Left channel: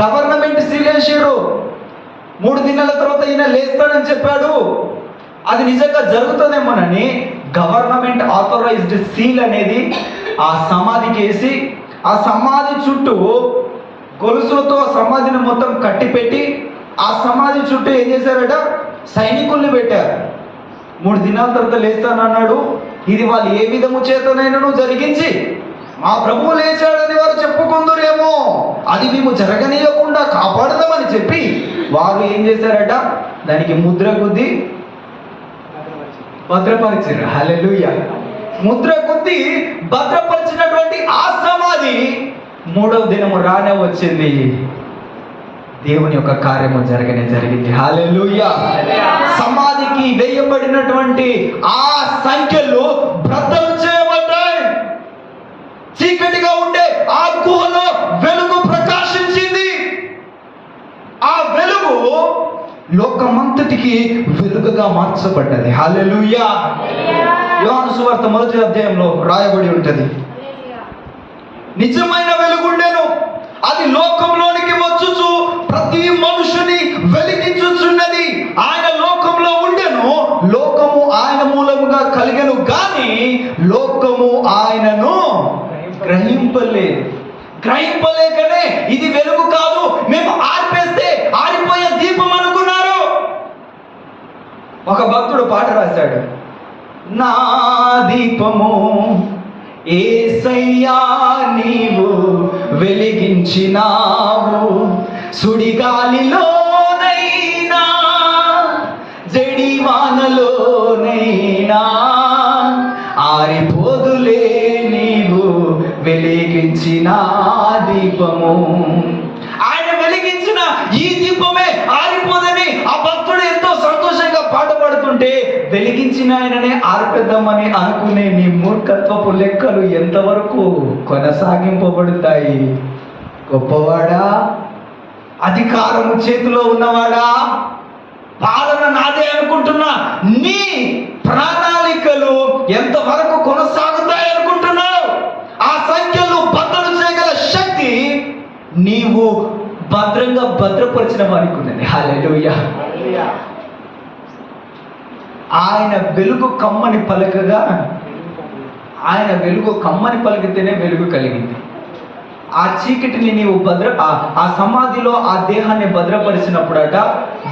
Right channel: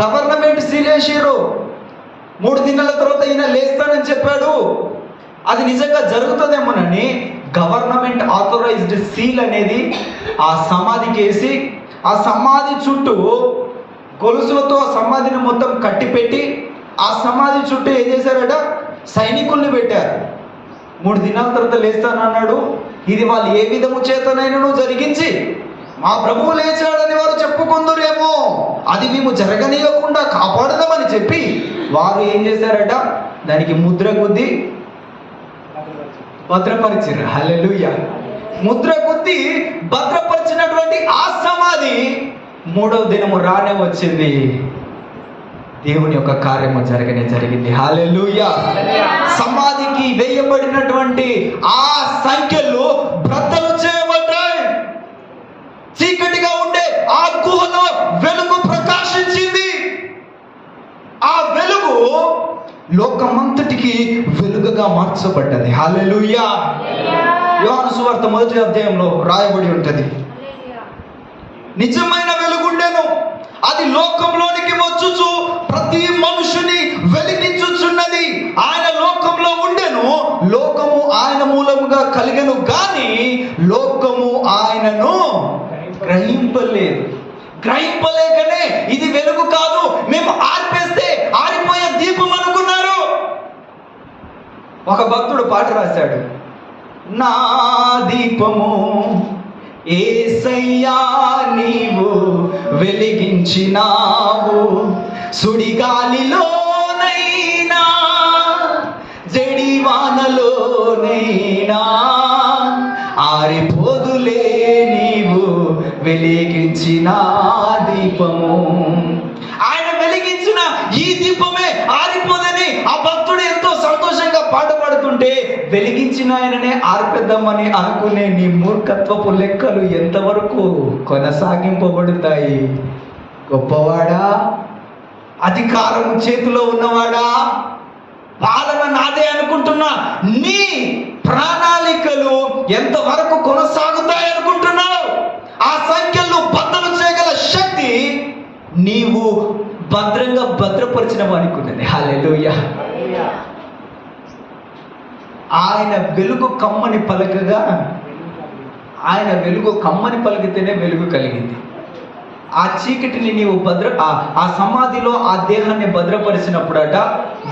Government seal వేసారు. 3 దినాల తర్వాత ఈయన లేస్తానని చెప్పాడు. అది నిజంగా జరుగుతుందేమోనని గవర్నమెంట్ ఆథరైజ్డ్ సీల్ అనేది ఆ సమాధికి వేసి, ఆ సమాధి చుట్టూ గొలుసులతో ఆ సమాధిని మొత్తం కట్టిపెట్టి, ఆ సమాధి చుట్టూ ఏం చేశారట, సైనికుల్ని పెట్టారు. 3 దినాల తర్వాత లేస్తానన్నాడు. ఇది వాళ్ళు ఏ విధము చేతనైనా జరిగించి మా ప్రభువు లేచాడని వారు చెప్పుకుందరేమో, అది మేము జరగనీయకుండా కాపాడదామని చెప్పి వారు ఏం చేశారట, దానికి ముద్ర గుద్ది భద్రపరిచారు. హల్లెలూయా. ముద్ర గుద్ది భద్రపరిచినటువంటి ఆ సమాధి 3వ దినము రానే వచ్చింది. దేవుని యొక్క కార్యము జరిగింది. హల్లెలూయా. సమాధికి వేయబడినటువంటి ఆ సంఖ్యలు బ్రద్దలు చేయబడ్డాయి. చీకటిగా ఉండే ఆ గుహలో వెలుగు ప్రకాశించింది. ఆ వెలుగు లోకమంతటికి వెలుగుగా మార్చబడ్డది. హల్లెలూయా. యోహాను సువార్త 1వ అధ్యాయంలో రాయబడి ఉంటది, నిజమైన వెలుగుండెను, అది లోకంలోనికి వచ్చుచు ప్రతి మనుషుని వెలిగించుచున్నది. ఆయన లోకంలో ఉండెను, లోకము ఆయన మూలముగా కలిగెను, కానీ లోకము ఆయనను గ్రహింపలేకనే ఇది వెలుగు కాదు, మేము ఆర్పేస్తే ఆరిపోయే దీపం అనుకున్నారు. ఒక భక్తుడు పాట రాశాడు, నా దీపము యేసయ్యా నీవు వెలిగించినావు, సుడిగాలిలోనైనా జడివానలోనైనా ఆరిపోదులే నీవు వెలిగించిన దీపము. ఆయన వెలిగించిన ఈ దీపమే ఆరిపోదని ఆ భక్తుడు ఎంతో సంతోషంగా పాట పాడుతుంటే, వెలిగించిన ఆయననే ఆర్పేద్దామని అనుకునే నీ మూర్ఖత్వపు లెక్కలు ఎంతవరకు కొనసాగింపబడతాయి? గొప్పవాడా, అధికారము చేతిలో ఉన్నవాడా, పాలన నాదే అనుకుంటున్నా నీ ప్రణాళికలు ఎంతవరకు కొనసాగుతాయి అనుకుంటున్నావు? ఆ సంఖ్యలు బద్దలు చేయగల శక్తి నీవు భద్రంగా భద్రపరిచిన వారికి ఉన్నది. హల్లెలూయా. ఆయన వెలుగు కమ్మని పలకగా, ఆయన వెలుగు కమ్మని పలికితేనే వెలుగు కలిగింది. ఆ చీకటిని నీవు ఆ సమాధిలో ఆ దేహాన్ని భద్రపరిచినప్పుడట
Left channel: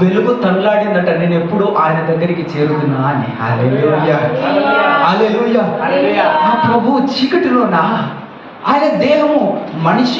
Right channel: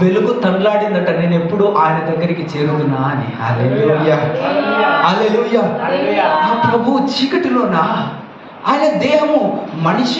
వెలుగు తనలాడిందట, నేను ఎప్పుడు ఆయన దగ్గరికి చేరుతున్నా అని. హల్లెలూయా. హల్లెలూయా. ఆ ప్రభు చీకటిలోనా ఆయన దేహము మనిషి